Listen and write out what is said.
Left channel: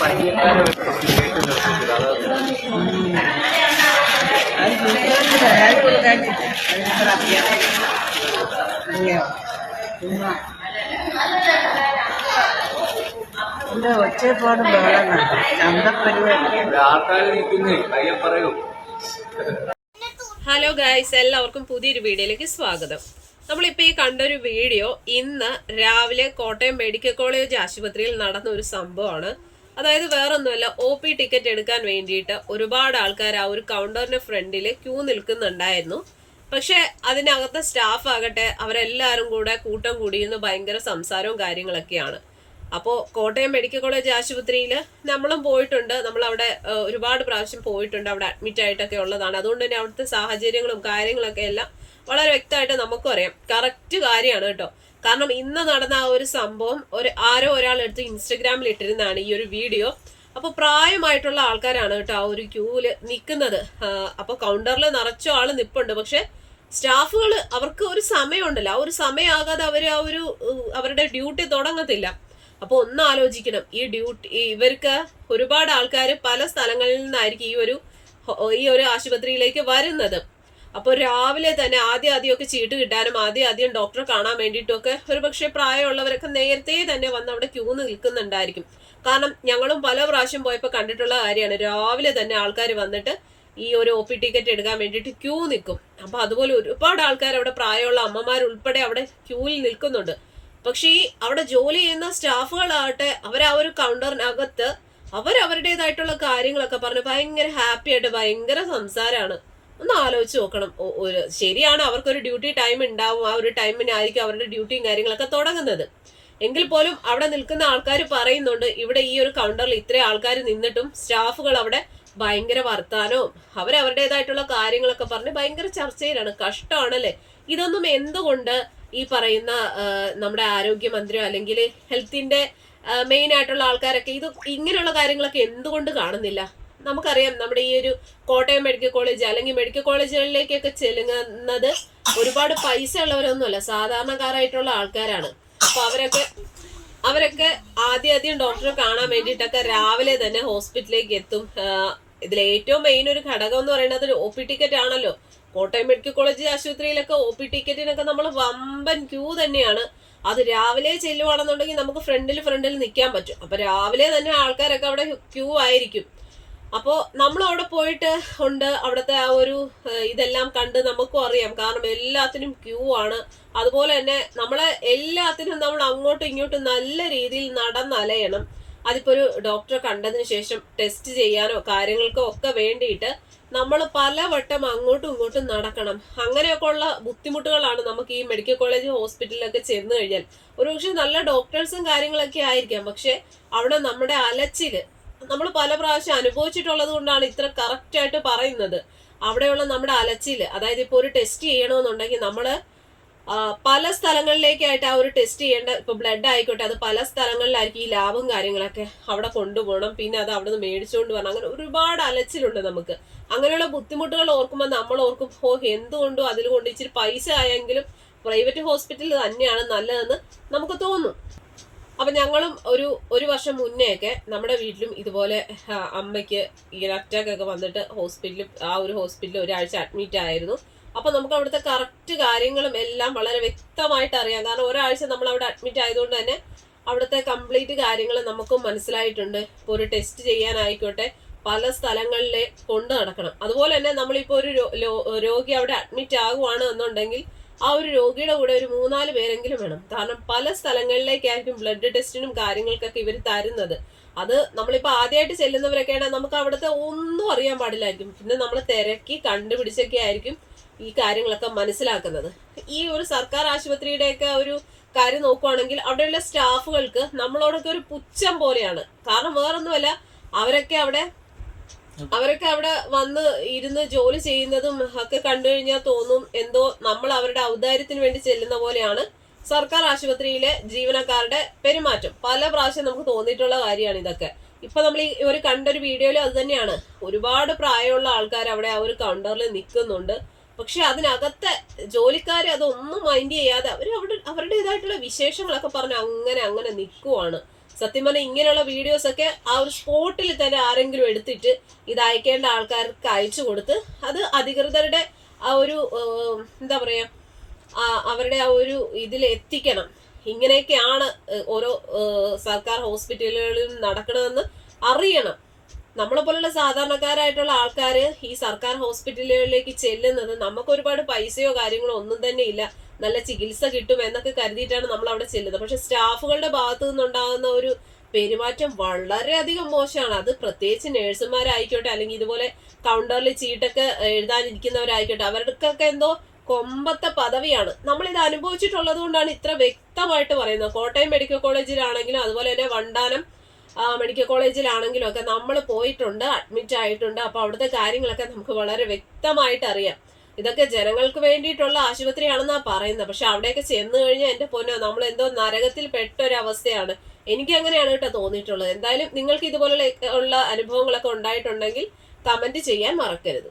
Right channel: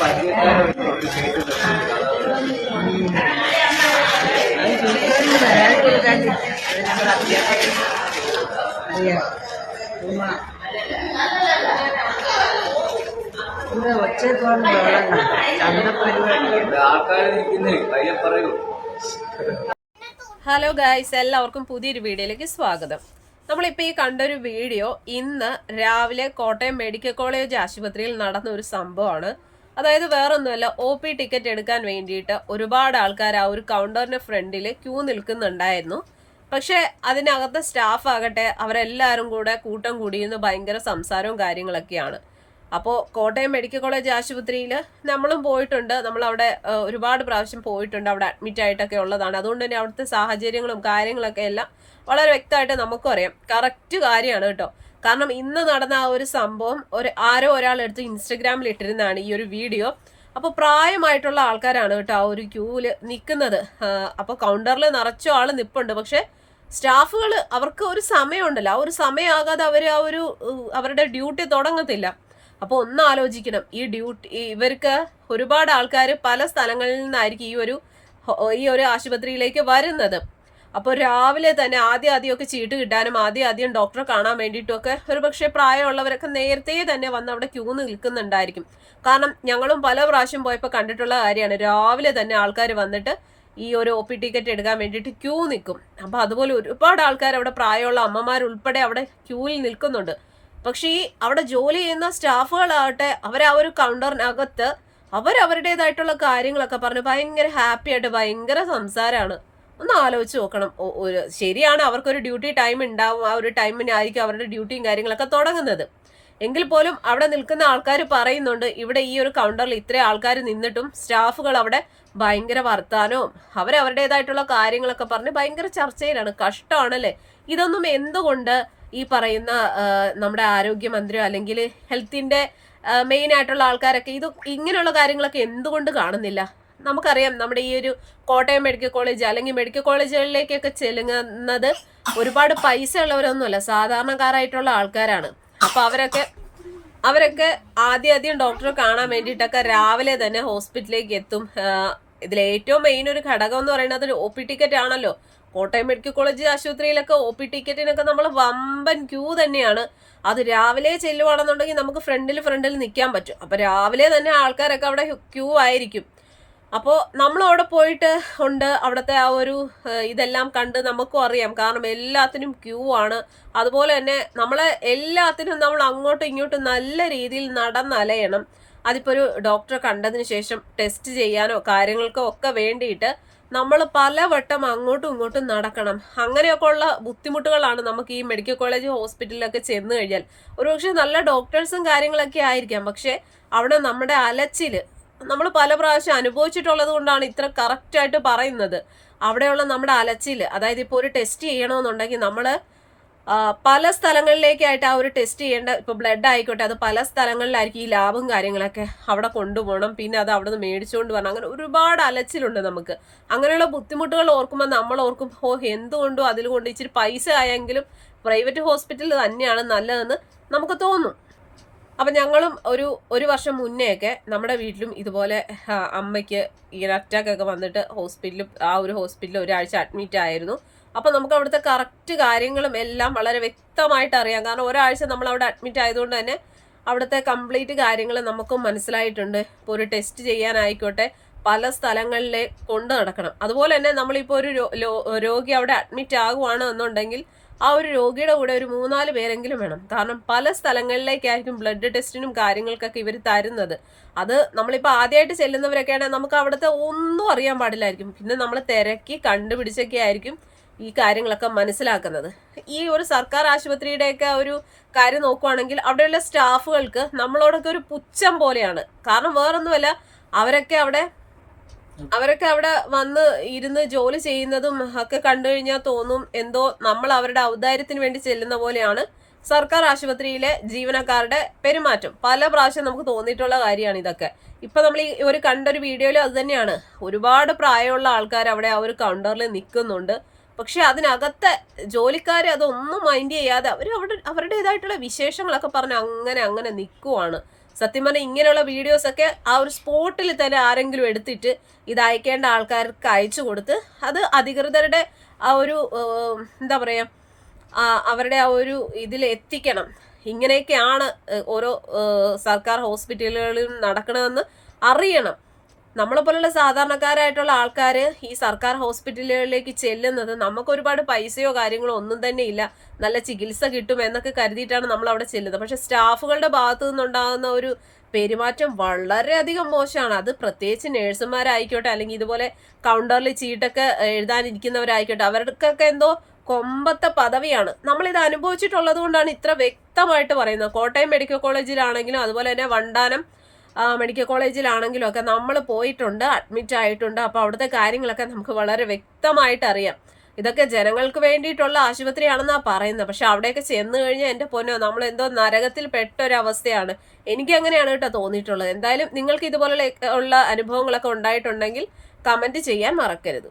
Hello guys എല്ലാവർക്കും പുതിയൊരു വീഡിയോയിലേക്ക് സ്വാഗതം. നമ്മളിപ്പോൾ ഈ കണ്ടൊരു വീഡിയോ ഇന്ന് രാവിലെ കോട്ടയം മെഡിക്കൽ കോളേജ് ആശുപത്രിയിൽ നടന്ന ഒരു സംഭവമാണ്. അതായത് വേറൊന്നുമല്ല ഒ പി ടിക്കറ്റ് എടുക്കാൻ വേണ്ടിയിട്ട് ഒരുപാട് ആൾക്കാർ ആ ഒരു കൗണ്ടറിന്റെ ഫ്രണ്ടിൽ ക്യൂ നിൽക്കുന്നുണ്ടായിരുന്നു. പക്ഷെ അതിനകത്ത് സ്റ്റാഫ് ആകട്ടെ അവരെല്ലാവരും കൂടെ കൂട്ടം കൂടിയെന്ന് ഭയങ്കര സംസാരവും കാര്യങ്ങളൊക്കെയാണ്. അപ്പോൾ കോട്ടയം മെഡിക്കൽ കോളേജ് ആശുപത്രിയിൽ നമ്മളും പോയിട്ടുണ്ട്. നമ്മൾ അവിടെ ഒരുപാട് പ്രാവശ്യം പോയിട്ടുണ്ട്. അവിടെ അഡ്മിറ്റ് ആയിട്ടൊക്കെ ഉള്ളതാണ്. അതുകൊണ്ട് തന്നെ അവിടുത്തെ സാഹചര്യങ്ങളും കാര്യങ്ങളൊക്കെ എല്ലാം വളരെ വ്യക്തമായിട്ട് നമുക്കും അറിയാം കറക്റ്റ് കാര്യമാണ് കേട്ടോ. കാരണം ഇന്ന് നടന്ന ആ ഒരു സംഭവം ഒരു ആരോ ഒരാൾ എടുത്ത് ഇൻസ്റ്റഗ്രാമിൽ ഇട്ടിരുന്നതാണ് ഈ ഒരു വീഡിയോ. അപ്പോൾ പ്രായമായിട്ടുള്ള ആൾക്കാരാണ് കേട്ടോ ആ ഒരു ക്യൂവിൽ നിൽക്കുന്നത് അപ്പോൾ കൗണ്ടറിൽ നിറച്ചോ ആൾ നിപ്പുണ്ട്. പക്ഷേ സ്റ്റാഫുകൾ അവർക്ക് ഒരു സമയമുണ്ടല്ലോ. ആ ഒരു സമയമാകാതെ അവർ ആ ഒരു അവരുടെ ഡ്യൂട്ടി തുടങ്ങത്തില്ല. അപ്പോൾ ഒന്ന് ആലോചിക്കണം. ഈ ഡ്യൂട്ടി ഇവർക്ക് ഒരുപാട് ആൾക്കാർ പല സ്ഥലങ്ങളിൽ നിന്നായിരിക്കും ഈ ഒരു ഈ ഒരു ആശുപത്രിയിലേക്ക് വരുന്നത്. അപ്പോൾ രാവിലെ തന്നെ ആദ്യം ആദ്യമൊക്കെ ചീട്ട് കിട്ടാനും ആദ്യം ആദ്യം ഡോക്ടറെ കാണാൻ വേണ്ടിയിട്ടുമൊക്കെ ഒരുപക്ഷെ പ്രായമുള്ളവരൊക്കെ നേരത്തെ തന്നെ വന്ന് അവിടെ ക്യൂ നിൽക്കുന്നുണ്ടായിരിക്കും. കാരണം ഞങ്ങളും പല പ്രാവശ്യം പോയപ്പോൾ കണ്ടിട്ടുള്ള കാര്യമാണ്. രാവിലെ തന്നെ ആൾക്കാർ വന്നിട്ട് ഈ ഒരു ഒ പി ടിക്കറ്റ് എടുക്കാൻ വേണ്ടിയിട്ട് ക്യൂ നിൽക്കും. അപ്പോൾ അതുപോലെ ഒരുപാട് ആൾക്കാർ അവിടെ പ്രായമുള്ള അമ്മമാർ ഉൾപ്പെടെ അവിടെ ക്യൂവിൽ നിൽക്കുന്നുണ്ട്. പക്ഷേ ഈ അവിടെ ജോലി ചെയ്യുന്ന സ്റ്റാഫുകളാകട്ടെ അവർ ആ ഒരു കൗണ്ടറിനകത്ത് അവരവരുടേതായിട്ടുള്ള കാര്യങ്ങളൊക്കെ പറഞ്ഞ് ഭയങ്കര ഹാപ്പി ആയിട്ട് ഭയങ്കര സംസാരമാണ് ഒന്ന് ആലോചിച്ച് നോക്കണം ഒരു ശരിയാണ് അവർക്കൊരു ഡ്യൂട്ടി ടൈം ഉണ്ടാവും ആ ഒരു ടൈമിനായിരിക്കും അവരുടെ ഡ്യൂട്ടിയും കാര്യങ്ങളൊക്കെ തുടങ്ങുന്നത്. എങ്കിൽ പോലും അവിടെ നിൽക്കുന്ന ആൾക്കാർ പറയുന്നുണ്ട് ഇവിടെ ഈ ഒരു കൗണ്ടറിൽ ഇത്രയും ആൾക്കാർ നിന്നിട്ടും സ്റ്റാഫുകൾ അവിടെ ഭയങ്കര വർത്താനവും അവരവരുടേതായിട്ടുള്ള കാര്യങ്ങളൊക്കെ പറഞ്ഞ് ഭയങ്കര ചർച്ചയിലാണ്. കഷ്ടമാണല്ലേ? ഇതൊന്നും എന്തുകൊണ്ട് ഈ പറയുന്ന നമ്മുടെ ആരോഗ്യമന്ത്രിയോ അല്ലെങ്കിൽ ഹെൽത്തിന്റെ മെയിൻ ആയിട്ടുള്ള ആൾക്കാരൊക്കെ ഇത് ഇങ്ങനെയുള്ള കാര്യങ്ങളൊക്കെ എന്തുകൊണ്ട് കാണുന്നില്ല? നമുക്കറിയാം നമ്മുടെ ഈ ഒരു കോട്ടയം മെഡിക്കൽ കോളേജ് അല്ലെങ്കിൽ മെഡിക്കൽ കോളേജുകളിലേക്കൊക്കെ ചെല്ലുന്നത് ഒരുപാട് പൈസ ഉള്ളവരൊന്നുമല്ല സാധാരണക്കാരായിട്ടുള്ള ആൾക്കാരാണ്. അപ്പോൾ അവരൊക്കെ അവരൊക്കെ ആദ്യം ആദ്യം ഡോക്ടറെ കാണാൻ വേണ്ടിയിട്ടൊക്കെ രാവിലെ തന്നെ ഹോസ്പിറ്റലിലേക്ക് എത്തും. ഇതിൽ ഏറ്റവും മെയിൻ ഒരു ഘടകം എന്ന് പറയുന്നത് ഒ പി ടിക്കറ്റ് ആണല്ലോ. കോട്ടയം മെഡിക്കൽ കോളേജ് ആശുപത്രിയിലൊക്കെ ഒ പി ടിക്കറ്റിനൊക്കെ നമ്മൾ വമ്പൻ ക്യൂ തന്നെയാണ്. അത് രാവിലെ ചെല്ലുവാണെന്നുണ്ടെങ്കിൽ നമുക്ക് ഫ്രണ്ടിൽ ഫ്രണ്ടിൽ നിൽക്കാൻ പറ്റും. അപ്പൊ രാവിലെ തന്നെ ആൾക്കാരൊക്കെ അവിടെ ക്യൂ ആയിരിക്കും. അപ്പോൾ നമ്മൾ അവിടെ പോയിട്ട് ഉണ്ട്. അവിടുത്തെ ആ ഒരു ഇതെല്ലാം കണ്ട് നമുക്കും അറിയാം. കാരണം എല്ലാത്തിനും ക്യൂ ആണ്. അതുപോലെ തന്നെ നമ്മളെ എല്ലാത്തിനും നമ്മൾ അങ്ങോട്ടും ഇങ്ങോട്ടും നല്ല രീതിയിൽ നടന്നലയണം. അതിപ്പോൾ ഒരു ഡോക്ടറെ കണ്ടതിന് ശേഷം ടെസ്റ്റ് ചെയ്യാനോ കാര്യങ്ങൾക്കോ ഒക്കെ വേണ്ടിയിട്ട് നമ്മൾ പലവട്ടം അങ്ങോട്ടും ഇങ്ങോട്ടും നടക്കണം. അങ്ങനെയൊക്കെ ഉള്ള ബുദ്ധിമുട്ടുകളാണ് നമുക്ക് ഈ മെഡിക്കൽ കോളേജ് ഹോസ്പിറ്റലിലൊക്കെ ചെന്ന് കഴിഞ്ഞാൽ. ഒരുപക്ഷെ നല്ല ഡോക്ടേഴ്സും കാര്യങ്ങളൊക്കെ ആയിരിക്കാം. പക്ഷെ അവിടെ നമ്മുടെ അലച്ചിൽ നമ്മൾ പല പ്രാവശ്യം അനുഭവിച്ചിട്ടുള്ളത് കൊണ്ടാണ് ഇത്ര കറക്റ്റ് ആയിട്ട് പറയുന്നത്. അവിടെയുള്ള നമ്മുടെ അലച്ചിൽ അതായത് ഇപ്പോൾ ഒരു ടെസ്റ്റ് ചെയ്യണമെന്നുണ്ടെങ്കിൽ നമ്മൾ പല സ്ഥലങ്ങളിലേക്കായിട്ട് ആ ഒരു ടെസ്റ്റ് ചെയ്യേണ്ട ഇപ്പോൾ ബ്ലഡ് ആയിക്കോട്ടെ അത് പല സ്ഥലങ്ങളിലായിരിക്കും ഈ ലാബും കാര്യങ്ങളൊക്കെ അവിടെ കൊണ്ടുപോകണം. പിന്നെ അത് അവിടെ നിന്ന് മേടിച്ചുകൊണ്ട് വരണം. അങ്ങനെ ഒരുപാട് അലച്ചിലുണ്ട് നമുക്ക്. അങ്ങനെയുള്ള ബുദ്ധിമുട്ടുകൾ ഓർക്കുമ്പോൾ നമ്മൾ ഓർക്കും ഓ എന്തുകൊണ്ടും അതിൽ കൊണ്ട് ഇച്ചിരി പൈസ ആയെങ്കിലും പ്രൈവറ്റ് ഹോസ്പിറ്റൽ തന്നെയാണ് നല്ലതെന്ന് നമുക്ക് തോന്നും. അപ്പം ഞങ്ങളും ഒരു ഒരു വർഷം മുന്നേയൊക്കെ നമ്മുടെ വീട്ടിലും ഇതുപോലെ അമ്മയ്ക്ക് ഇങ്ങനെ അറ്റാക്ക് ഒക്കെ വന്നിട്ട് ഹോസ്പിറ്റലിൽ ആ ഒരു ഹോസ്പിറ്റലിൽ ഒരാഴ്ച അഡ്മിറ്റ് ആയിരുന്നു. അപ്പം നമുക്ക് അവിടുത്തെ കറക്റ്റ് കാര്യങ്ങളും എല്ലാം വളരെ വ്യക്തമായിട്ട് അറിയാം. കാരണം ഒരാഴ്ച നമ്മൾ അവിടെ അഡ്മിറ്റ് ആയതുകൊണ്ട് തന്നെ അവിടുത്തെ കംപ്ലീറ്റ് കാര്യങ്ങൾ നമുക്കും മനസ്സിലായിട്ടുണ്ട്. ഇപ്പോൾ ഒരു ടെസ്റ്റ് ചെയ്യാനായിക്കോട്ടെ പല സ്ഥലങ്ങളിലെ കൊണ്ടു നടക്കണം. അതുപോലെ തന്നെ നമ്മളിപ്പോൾ ഒരു രോഗി അവിടെ അഡ്മിറ്റ് ആകുവാണ് എന്നുണ്ടെങ്കിൽ ആ ഒരു രോഗിയുടെ കൂടെ ഒരു മൂന്നാൽ പേരെങ്കിലും വേണം. കാരണം പല സ്ഥലങ്ങളിലേക്കായിരിക്കും ബ്ലഡ് ടെസ്റ്റിനും കാര്യങ്ങൾക്കൊക്കെ ഇവർ തരുന്നത്. അത് നമ്മളിപ്പോൾ ആദ്യമായിട്ട് ചെല്ലുന്നവരൊക്കെ ആണെങ്കിൽ നമുക്ക് അവിടുത്തെ ഒന്നും അറിയാൻ പാടില്ലായിരിക്കും. പിന്നെ നമ്മൾ തിരക്കി കണ്ടുപിടിച്ചൊക്കെ ആയിരിക്കും ഈ കാര്യങ്ങളൊക്കെ മനസ്സിലാക്കുന്നത്. ഈ ഒരു സർക്കാർ ആശുപത്രിയുടെയൊക്കെ ഒരു കാര്യം നോക്കുവാണെങ്കിൽ അവിടെയുള്ള സ്റ്റാഫുകൾക്ക് നമ്മളോടൊക്കെ ഒരു പുച്ഛം പോലെയാണ്. കാരണം വേറൊന്നുമല്ല അവരൊക്കെ അവിടെ അവരൊക്കെ അവിടെ വന്ന് ഇരുന്ന് ജോലി ചെയ്യുന്നതും ഒക്കെ കണ്ടു കഴിഞ്ഞാൽ തോന്നും എന്തോ നമ്മൾ അവരുടെ ഔദാര്യത്തിന് വേണ്ടി ചെല്ലുന്ന പോലെയാണ് സർക്കാർ ആശുപത്രിയിലെ ജീവനക്കാരുടെ പെരുമാറ്റം. പല പ്രാവശ്യം നമുക്ക് തോന്നിയിട്ടുള്ള കാര്യമാണ് ഇതൊക്കെ. ഇപ്പൊ നമ്മൾ ഈ ഒരു കണ്ടൊരു വീഡിയോയിൽ അത് തന്നെയാണ്. ഒരുപാട് പ്രായമുള്ള ആൾക്കാർ അവിടെ ആ ഒരു കൗണ്ടറിൽ നിൽക്കുന്നുണ്ട് പക്ഷെ അതിനകത്തെ ജോലിക്കാരെ അതൊന്നും മൈൻഡ് ചെയ്യാതെ അവർ അവിടെ അവരുടേതായിട്ടുള്ള വിശേഷങ്ങളൊക്കെ പറഞ്ഞ് അങ്ങനെ അങ്ങനെ നിൽക്കുവാണ് സത്യം പറഞ്ഞാൽ ഇങ്ങനെയുള്ള വീഡിയോസ് ഒക്കെ ആ ഒരു സ്പോട്ടിൽ തന്നെ ആരെങ്കിലും എടുത്തിട്ട് ഇത് അയക്കേണ്ട ആൾക്കാർക്ക് അയച്ചു കൊടുത്ത് അത് അധികൃതരുടെ ആ ഒരു എന്താ പറയുക അവരുടെ ആ ഒരു ഇതിൽ എത്തിക്കണം. ഇങ്ങനെയൊക്കെയാണ് ഓരോ സർക്കാർ ഹോസ്പിറ്റലുകളിലും നടക്കണമെന്ന് അറിയണം. നമ്മളെ പോലുള്ള സാധാരണക്കാരായിട്ടുള്ള ആൾക്കാർ ഈ സർക്കാർ ഹോസ്പിറ്റലുകളിലേക്ക് ചെല്ലുന്നത് നമുക്ക് ഒരുപാട് പൈസയോ കാര്യങ്ങളോ ഒന്നും തന്നെ ഇല്ല. നല്ല ചികിത്സ കിട്ടും എന്നൊക്കെ കരുതിയിട്ടാണ് നമ്മൾ അവിടെ ചെല്ലുന്നത്. പക്ഷെ സ്റ്റാഫുകളുടെ ഭാഗത്തു നിന്നുണ്ടാകുന്ന ഒരു പെരുമാറ്റം വളരെയധികം മോശമാണ്. അത് പ്രത്യേകിച്ച് നേഴ്സുമാരായിക്കോട്ടെ അല്ലെങ്കിൽ ഇതുപോലെ കൗണ്ടറിൽ ചീട്ടൊക്കെ എഴുതാനിരിക്കുന്നവരായിക്കോട്ടെ അവർക്കൊക്കെ എന്തോ കൊമ്പത്തെ പദവിയാണ്. നമ്മളിത് അനുഭവിച്ചിട്ടുള്ളത് കൊണ്ടാണ് ഇത്ര വ്യക്തമായിട്ട് പറയുന്നത്. കോട്ടയം മെഡിക്കൽ കോളേജിലാണെങ്കിലും അതുപോലെ തന്നെ വണ്ടാനം മെഡിക്കൽ കോളേജിലാണെങ്കിലും ഒക്കെ നമ്മൾ പോയിട്ടുണ്ട് അഡ്മിറ്റ് ആയിട്ടുണ്ട്. അപ്പോൾ അവിടുത്തെ കാര്യങ്ങളൊക്കെ നമുക്ക് വളരെ വ്യക്തമായിട്ട് അറിയാം. ഇതൊക്കെ ജനങ്ങൾക്ക് വേണ്ടിയിട്ടുള്ള ആശുപത്രിയാണെന്നാണ് പറയുന്നത്. പക്ഷെ അവിടെയൊക്കെ ചെന്ന് കഴിഞ്ഞാൽ എന്റെ പൊന്നോ നമ്മൾ എന്തോ നരകത്തിൽ പെട്ട ഒരു അവസ്ഥയാണ് എനിക്ക് അങ്ങനെയാണ് കേട്ടോ തോന്നിയിട്ടുള്ളത്. എന്തായാലും നിങ്ങൾക്ക് ഇതുപോലുള്ള ഉള്ള അനുഭവങ്ങളൊക്കെ ഉണ്ടായിട്ടുണ്ടെങ്കിൽ കമന്റ് ചെയ്യാൻ മറക്കരുത്.